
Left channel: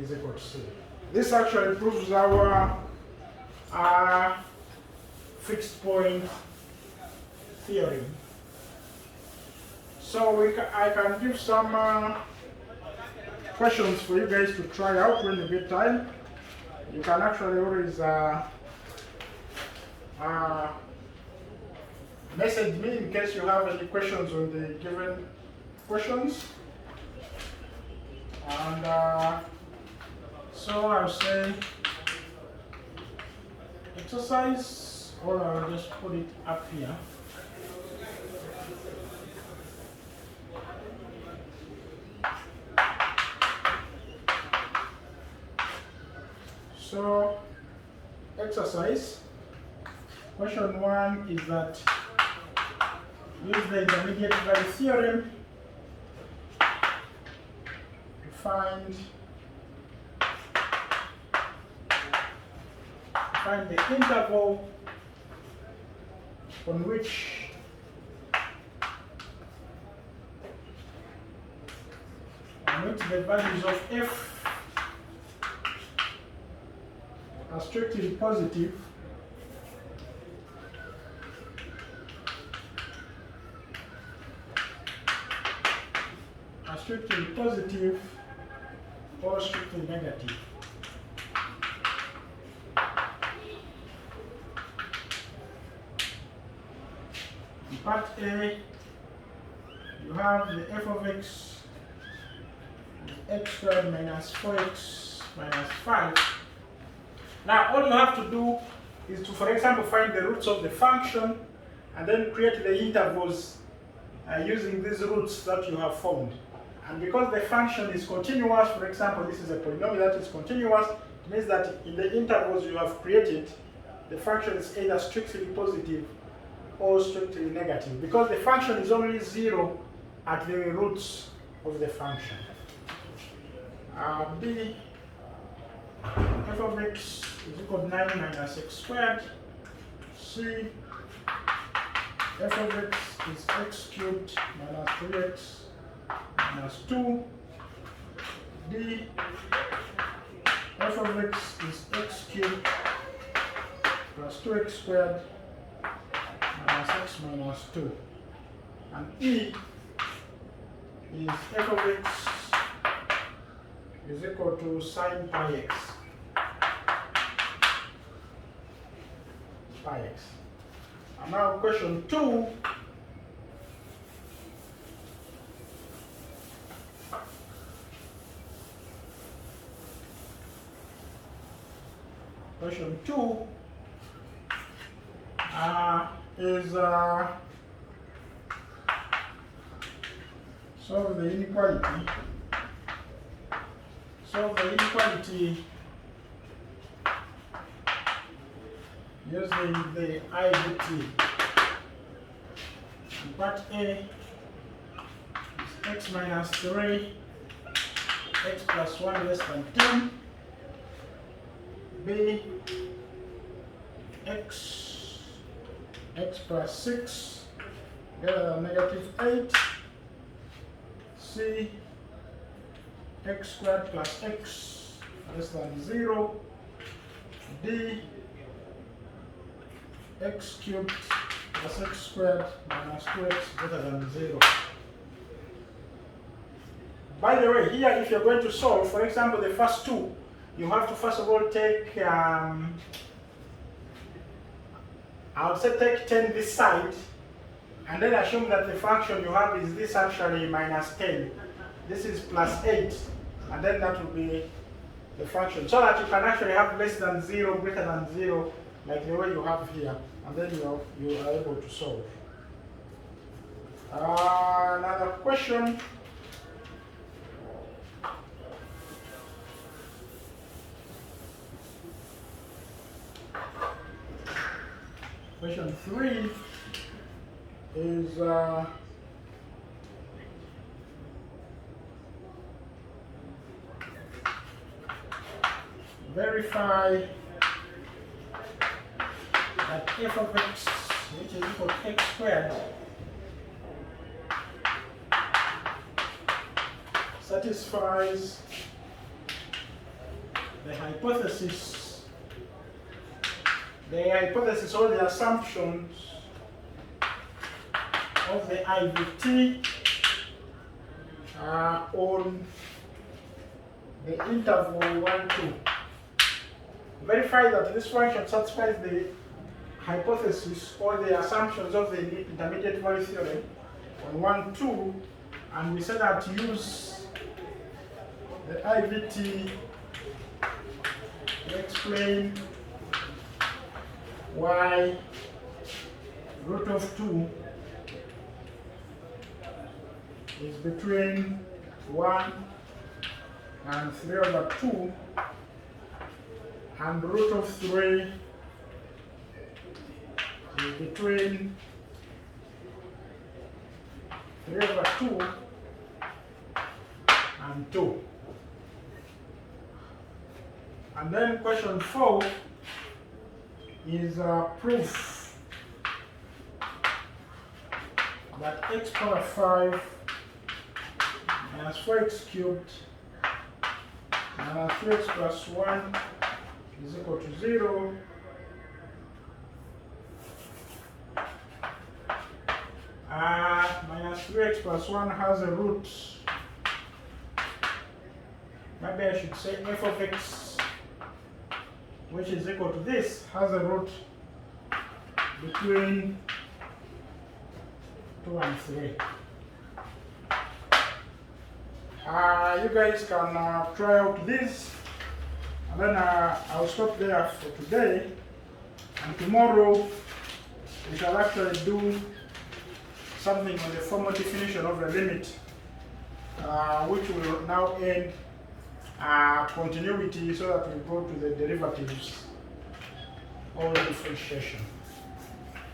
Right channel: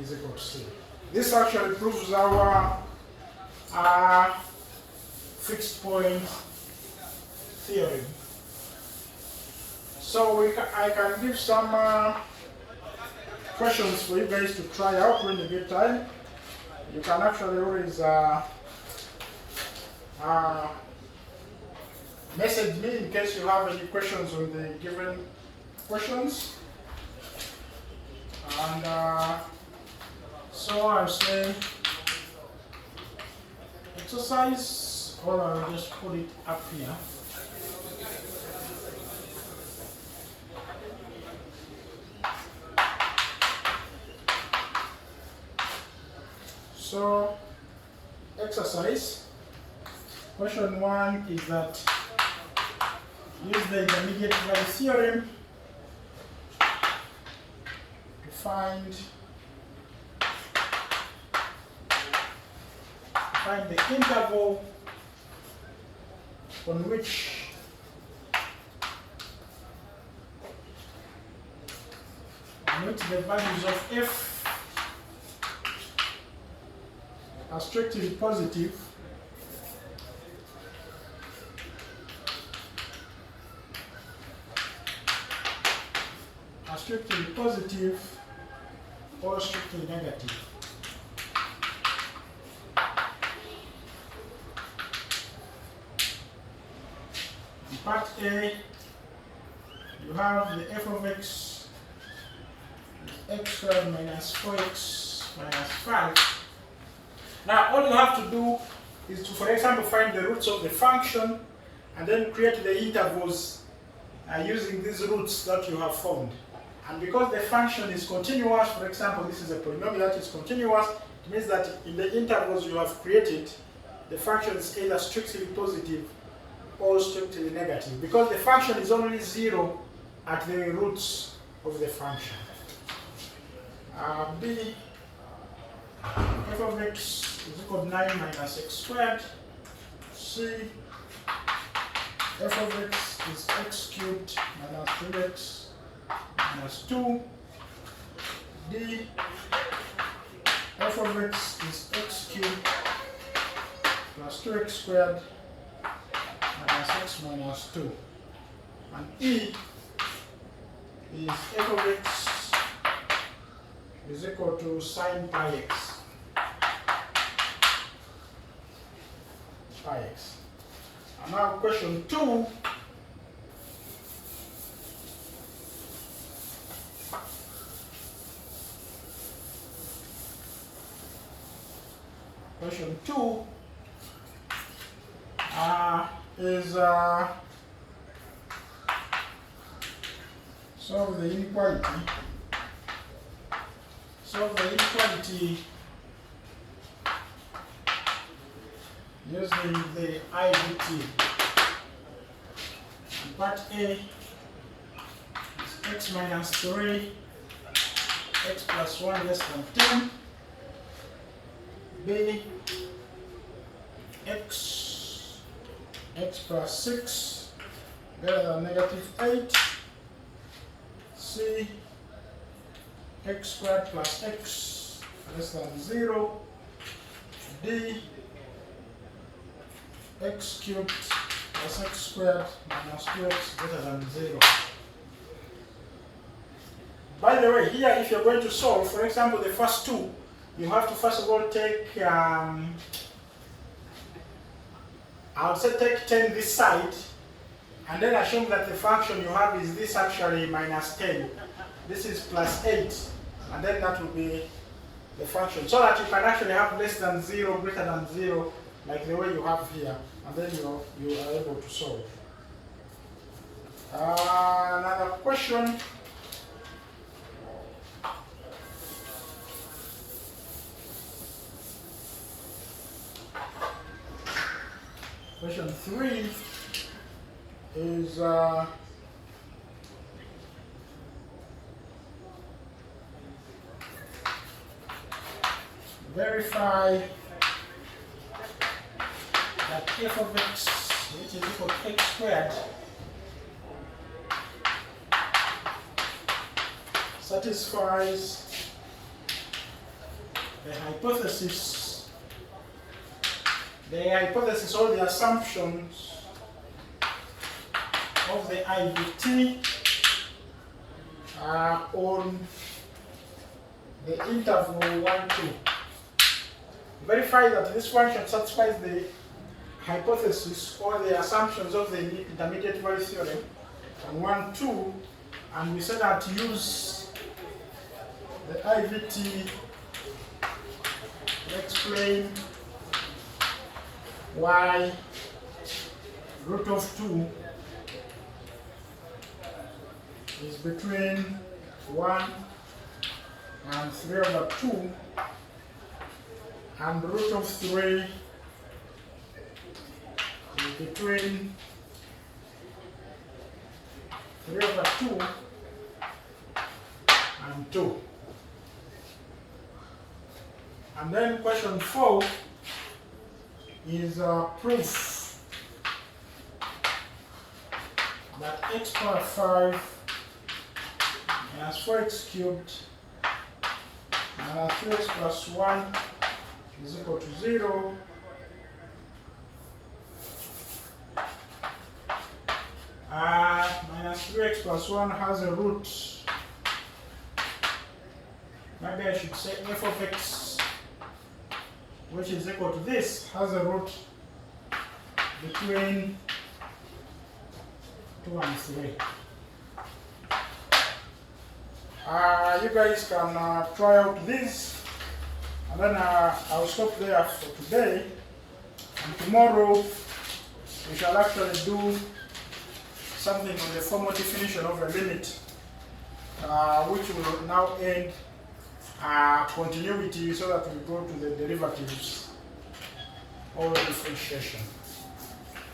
is equal to c. This actually proves our fixed point theorem. So I can give some questions for you guys to try out when you get time. You can actually always message me in case you have any questions on the given questions. And so I'll say exercise, or I'll just put it up here. So, exercise, question 1 is that use the intermediate value theorem to find the interval on which the values of f are strictly positive or strictly negative. part A, you have the f of x x squared minus 4x minus 5. Now all you have to do is to, for example, find the roots of the function and then create the intervals using these roots that you have found. And because the function is continuous, for example, this is a polynomial that is continuous, it means that in the intervals you have created, the function is either strictly positive or strictly negative, because the function is only 0 at the roots of the function. B, f of x is equal to 9 minus x squared. C, f of x is x cubed minus 3x minus 2. D, f of x is x cubed plus 2x squared minus x minus 2. And E is f of x is equal to sine pi x. And now question 2. Question 2 is solve the inequality. Solve the inequality using the IVT. Part A is x minus 3, x plus 1 less than 10. B, x plus 6 greater than negative 8. C, x squared plus x less than 0. D, x cubed plus x squared minus 2x greater than 0. By the way, here if you're going to solve, for example, the first two, you have to first of all take, I would say take 10 this side, and then assume that the function you have is this actually minus 10. This is plus 8, and then that will be the function. So that you can actually have less than 0, greater than 0, like the way you have here, and then you are able to solve. Another question. Question 3 is verify that f of x, which is equal to x squared, satisfies the hypothesis or the assumptions of the IVT on the interval 1, 2. Verify that this function satisfies the hypothesis or the assumptions of the intermediate value theorem on 1, 2, and we said that use the IVT to explain why root of 2 is between 1 and 3 over 2, and root of 3 is between 3 over 2 and 2. And then question 4 is proof that x power 5 minus 4x cubed minus 3x plus 1 is equal to 0. Minus 3x plus 1 has a root. Maybe I should say f of x, which is equal to this, has a root between 2 and 3. You guys can try out this, and then I'll stop there for today, and tomorrow we shall actually do something on the formal definition of a limit, which will now end continuity so that we go to the derivatives or differentiation.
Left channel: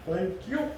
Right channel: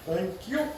Thank you.